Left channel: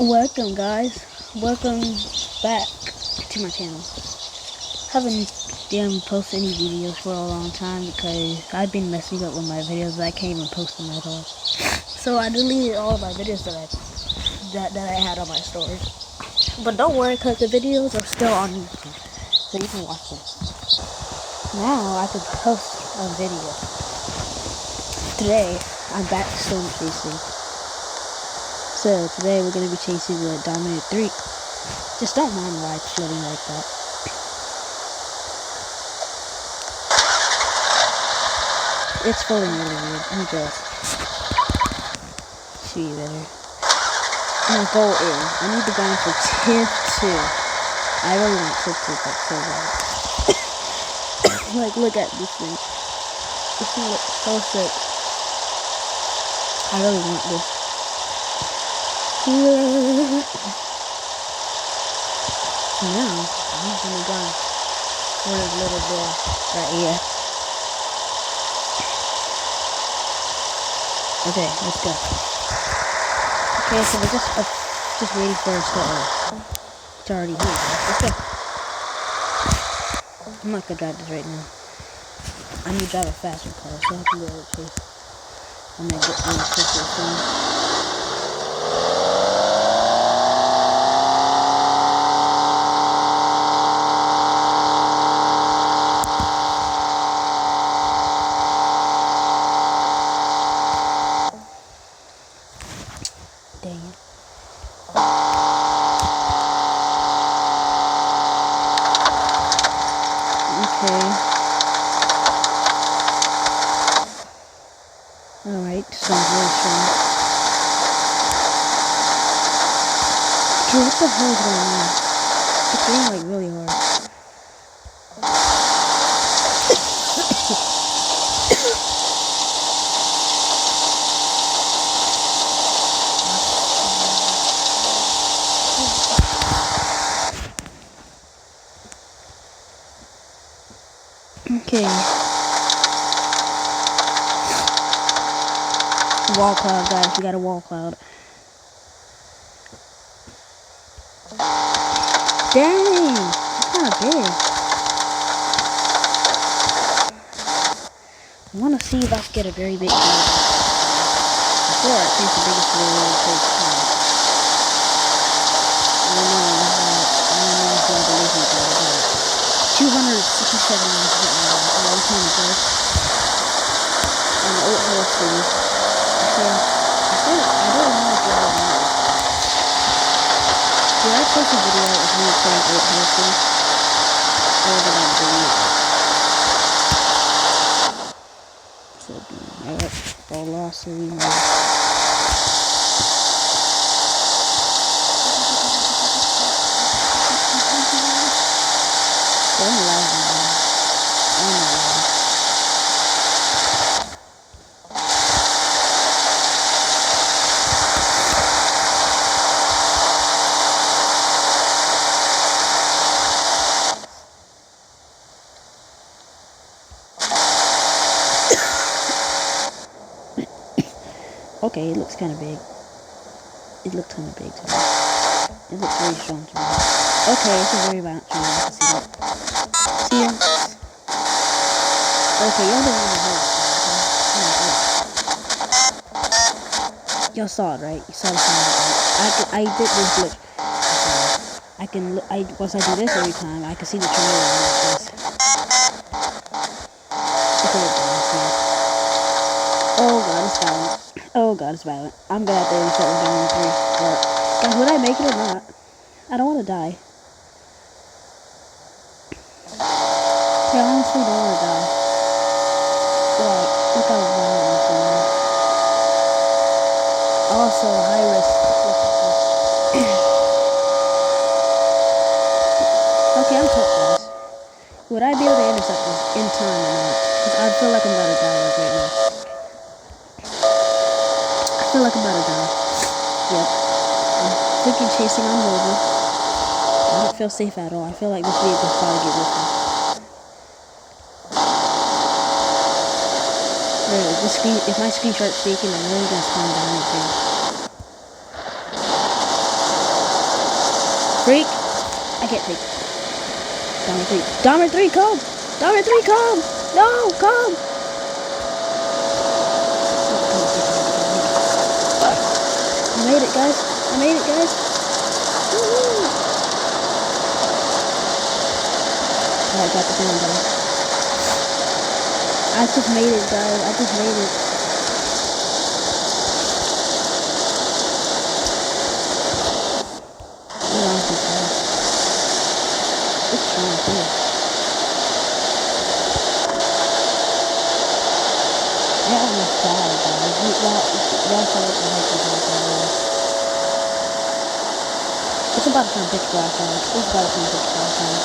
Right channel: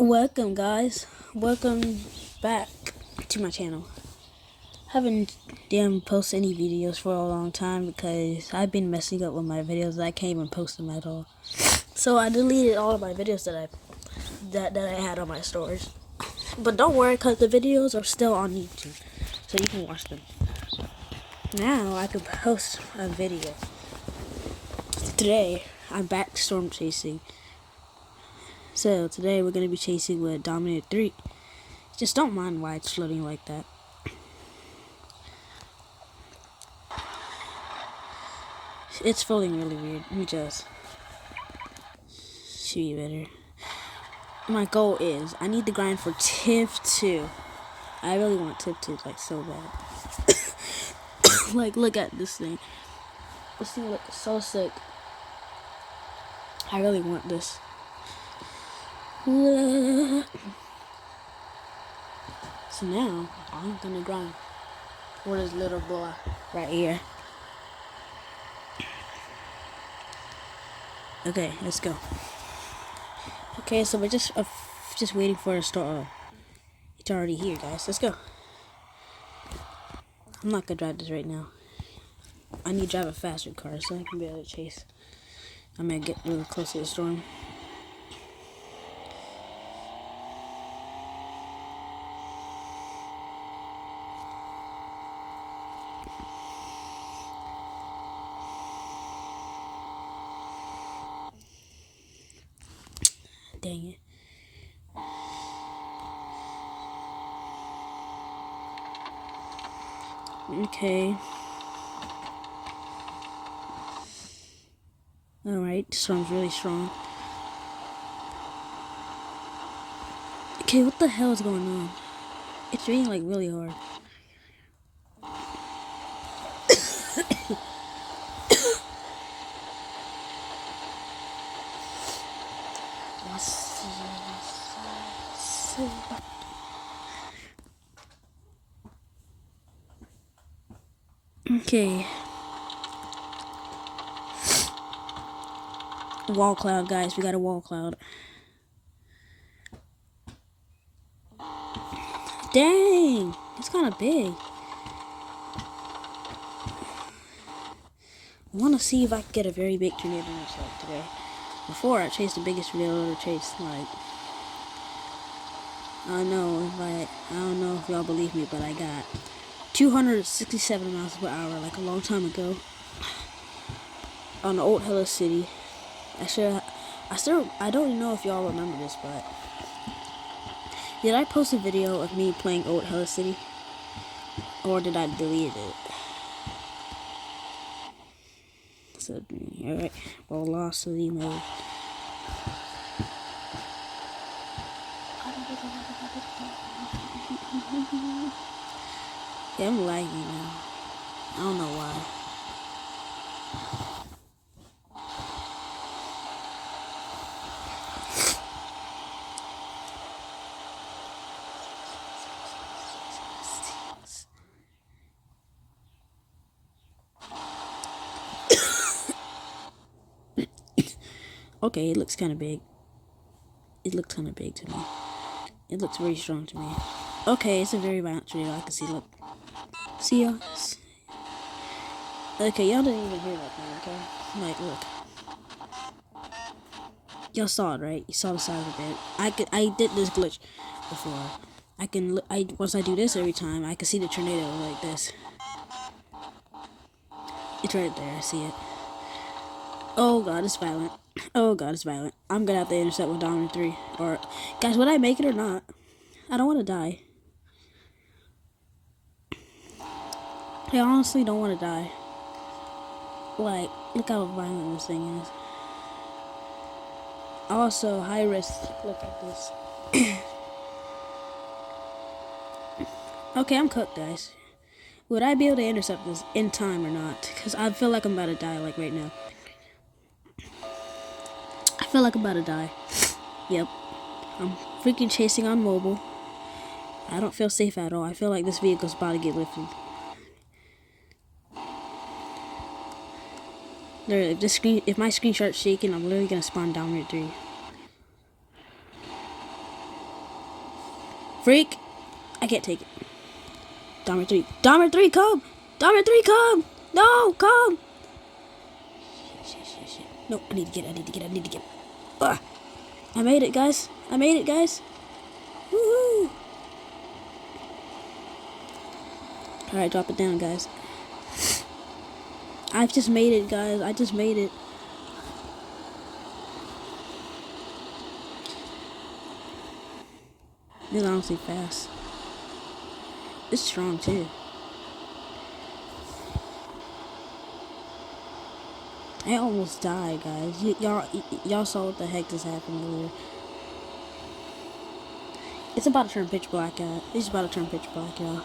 Welcome guys, welcome back to my channel. Haven't posted any videos for a long time because I've been messing up with my videos. I can't even post them at all. So I deleted all of my videos that I had on my stories. But don't worry, because the videos are still on YouTube, so you can watch them. Now I can post a video. Today I'm back to storm chasing. So today we're gonna be chasing with Dominant 3. Just don't mind why it's floating like that. It's floating really weird. Let me just show you better. My goal is I need to go in for Tiff 2. I really want Tiff 2 like so bad. Like look at this thing. This thing looks so sick. I really want this. So now I'm gonna go for this little door right here. Okay, let's go. Okay, so we're just waiting for us to it's already here, guys. Let's go. I'm not gonna drive this right now. I need to drive a faster car so I can be able to chase. I'm gonna get really closer soon. Dang it. Okay. Alright, sounds really strong. Okay, what the hell is going on? It's raining like really hard. Okay. Wall cloud, guys. We got a wall cloud. Dang! It's kind of big. I want to see if I can get a very big wheel. Before I chase the biggest wheel it takes time. I don't know if y'all believe me, but I got it. 267 miles per hour, a long time ago. On the old horse thing. I don't know if y'all remember this. Did I post a video of me playing old horse thing? Or did I delete it? So, alright, velocity mode. I'm lagging, man. I'm not lagging. Okay, it looks kind of big. It looks kind of big to me. It looks very strong to me. Okay, it's a very violent tree. I can see that. See ya. Okay, y'all don't even know that, okay? Y'all saw it, right? You saw the sound of it. I did this glitch. Once I do this every time, I can see the tornado like this. Okay, I see it. Oh god, it's violent. Oh god, it's violent. I'm gonna have to insert with Dominant 3. Or, guys, would I make it or not? I don't want to die. I honestly don't want to die. Like, look how violent this thing is. Also, high risk. Look at this. Okay, I'm cooked, guys. Would I be able to intercept this in time or not? Because I feel like I'm about to die like right now. I feel like I'm about to die. Yep. I'm freaking chasing on mobile. I don't feel safe at all. I feel like this vehicle's about to get with me. If my screen starts shaking, I'm really gonna spawn down it too. Freak. I can't take it. Dahmer 3. Dahmer 3, come! Dahmer 3, come! No, come! Oh, come on, get it. I made it, guys. I made it, guys. Woohoo! Alright, drop it down, guys. I just made it, guys. I just made it. We're on too fast. It's strong, too. I almost died, guys. Y'all saw what the heck was happening there. It's about to turn pitch black, guys. It's about to turn pitch black, guys.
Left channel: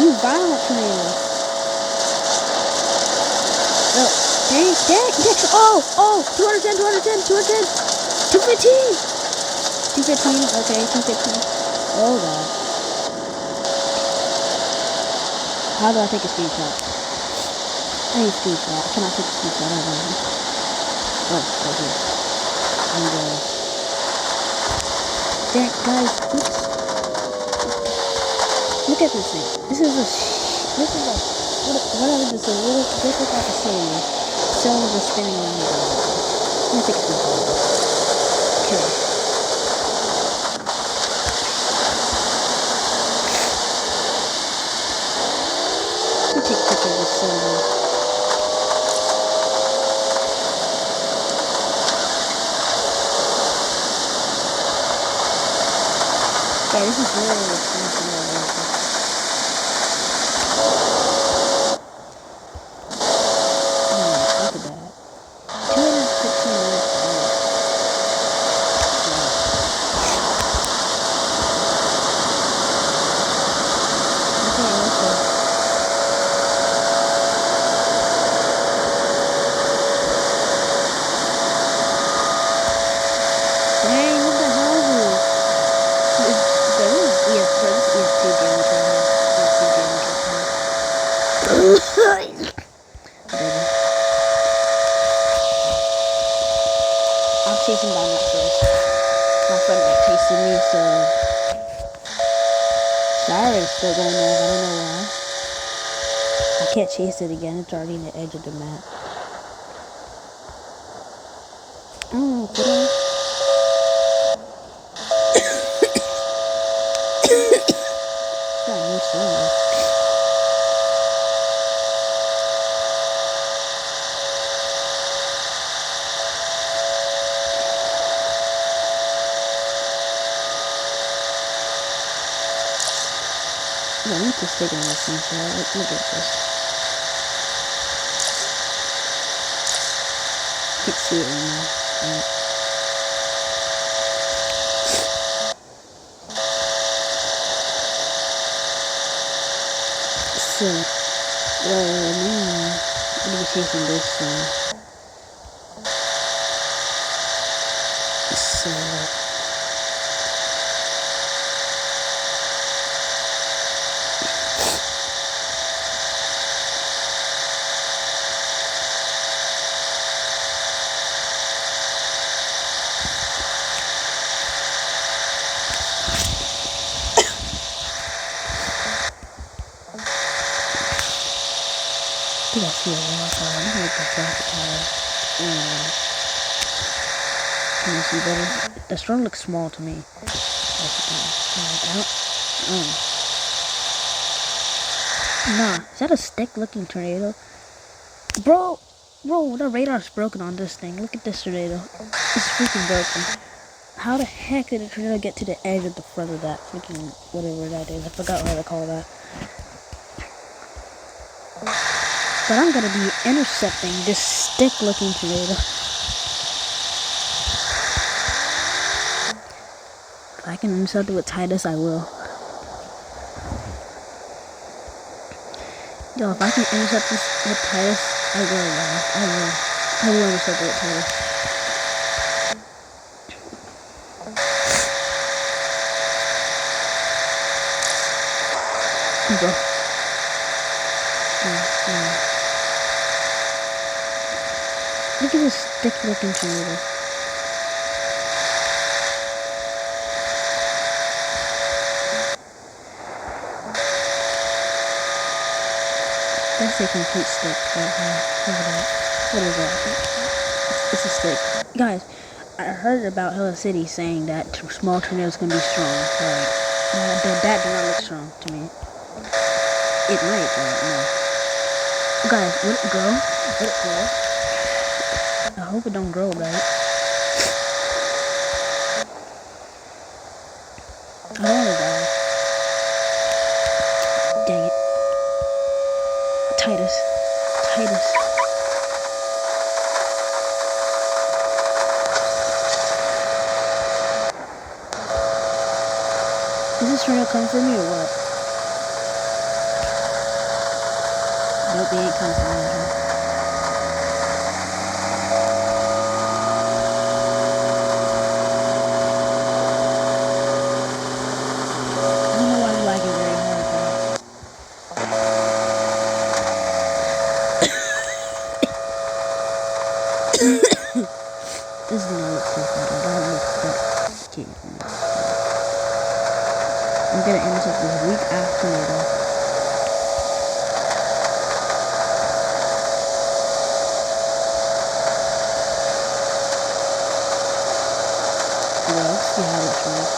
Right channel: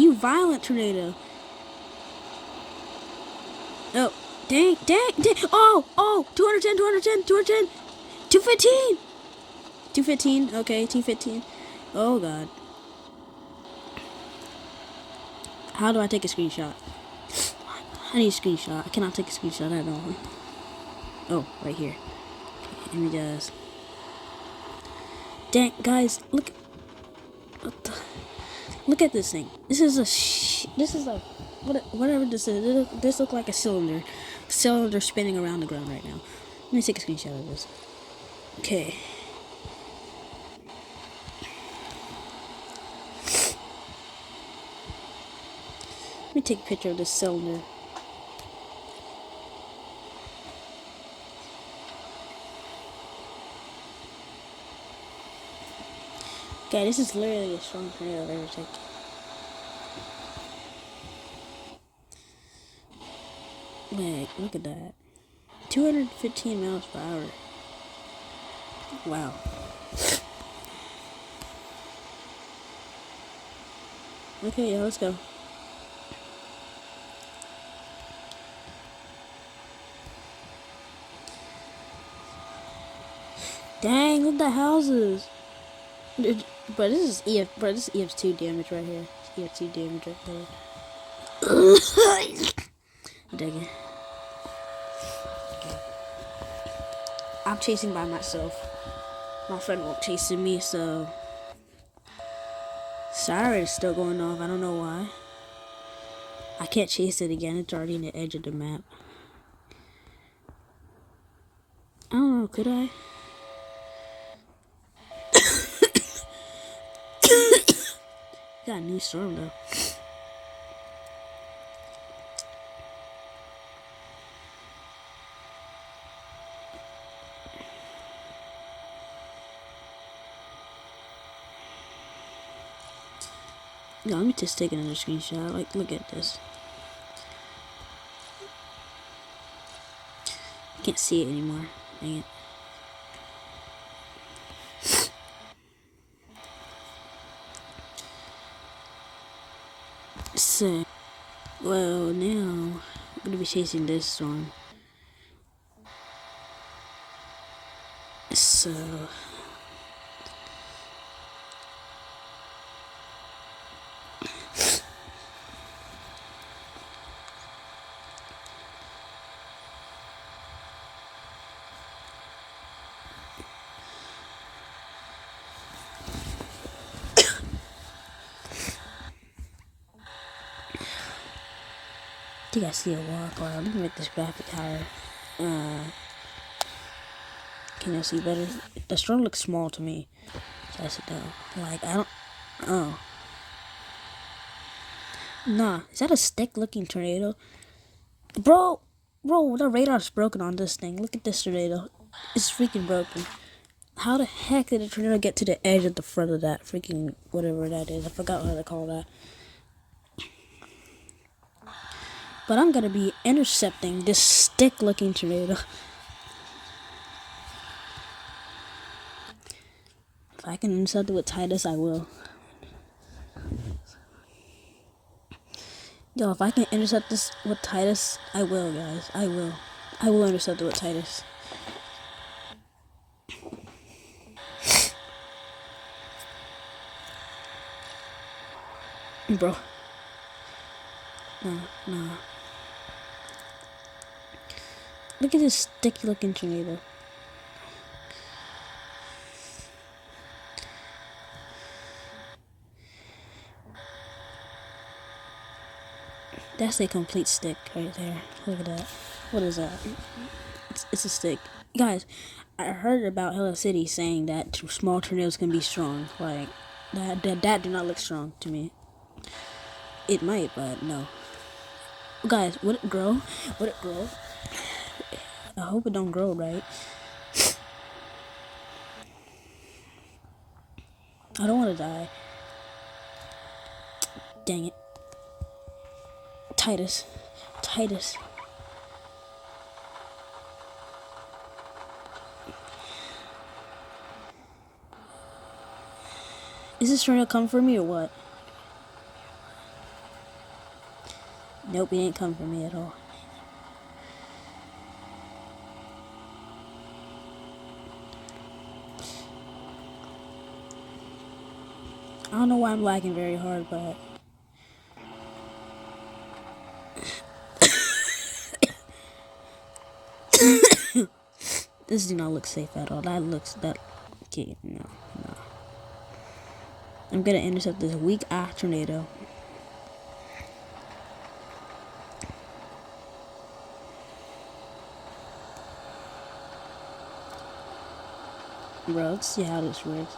You violent tornado. Oh, dang. Oh, 210, 215. 215, okay, 215. Oh, God. How do I take a screenshot? I need a screenshot. I cannot take a screenshot. I don't know. Oh, right here. And, dang, guys, look at this thing. This is whatever this is. This looks like a cylinder. Cylinder spinning around the ground. Let me take a screenshot of this. Okay. Let me take a picture of this cylinder. Okay, this is really expensive. Look at that. 215 minutes. Wow. Okay, let's go. Dang, look at the houses. Bro, this is ESP damage right here. ESP damage right here. Baby. I'm chasing down that fish. My friend like chasing me, so siren is still going off. I don't know why. I can't chase it again. It's already in the edge of the map. I don't know. Could I? Got a new cylinder. No, let me just take another screenshot. Look at this. Can't see it anymore. Right. So, well, now I'm gonna be chasing this one. So. I think I see a wildfire. I'm gonna make the rocket tire. Can you see better? The storm looks small to me. Like, I don't. Oh. Nah, is that a stick-looking tornado? Bro, the radar's broken on this thing. Look at this tornado. It's freaking broken. How the heck did the tornado get to the edge of the front of that freaking whatever that is? I forgot how to call that. But I'm gonna be intercepting this stick-looking tornado. If I can intercept it with Titus, I will. Yo, if I can intercept this with Titus, I will, guys. I will intercept it with Titus. Bro. Look at this stick looking tornado. That's a complete stick right there. Look at that. What is that? It's a stick. Guys, I heard about Hello City saying that small tornadoes can be strong. Right. That did not look strong to me. It might, but no. Guys, would it grow? Would it grow? I hope it don't grow, right? I don't want to die. Dang it. Titus. Is this trying to come for me or what? Nope, he ain't coming for me. I don't know why I'm lagging very hard, but this does not look safe at all. That looks that can't. I'm gonna intercept this weak ass tornado. Well, let's see how this works.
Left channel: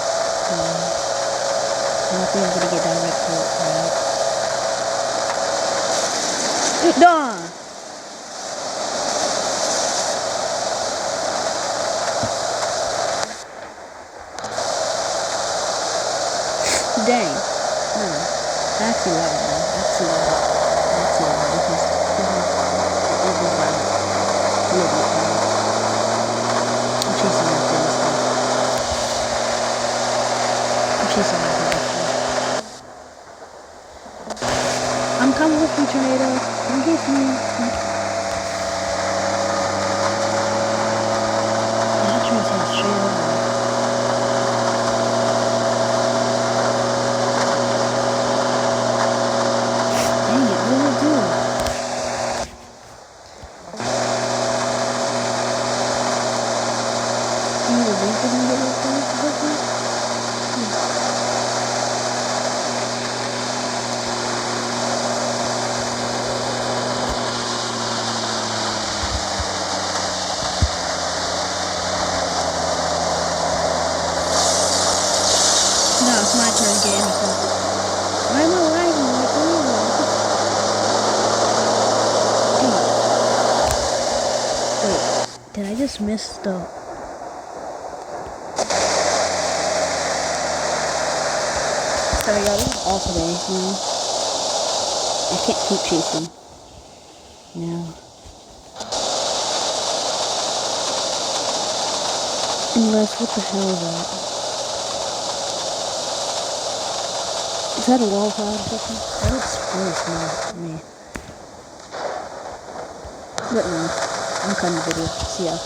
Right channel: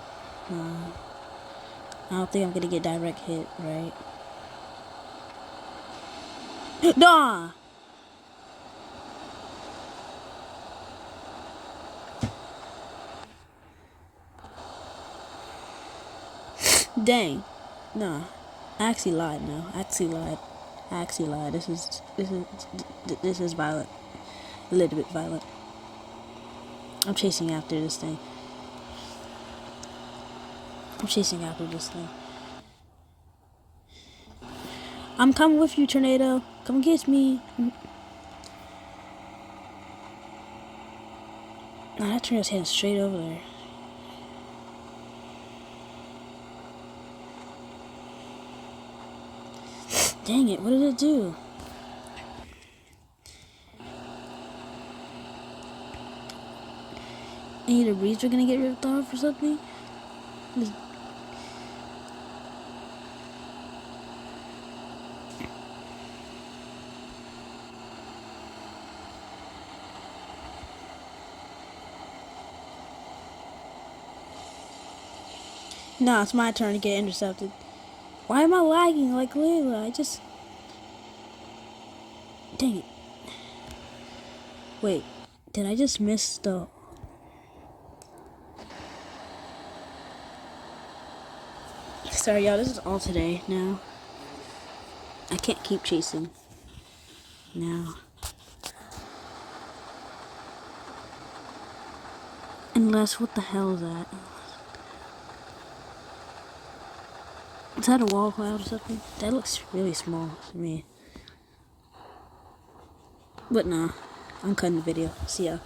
I don't think I'm gonna get direct hit, right? Nah! Dang. No. I actually lied, man. I actually lied. This is violent. A little bit violent. I'm chasing after this thing. I'm coming with you, tornado. Come get me. I turn his head straight over. Dang it, what did it do? Either the leaves are gonna get ripped off or something? No, it's my turn to get intercepted. Why am I lagging like really? Dang it. Wait, did I just miss the... Sorry guys, this is all today now. I can't keep chasing. Now. Unless, what the hell is that? Is that a wall cloud or something? That looks really small to me. But no, I'm cutting the video. See ya.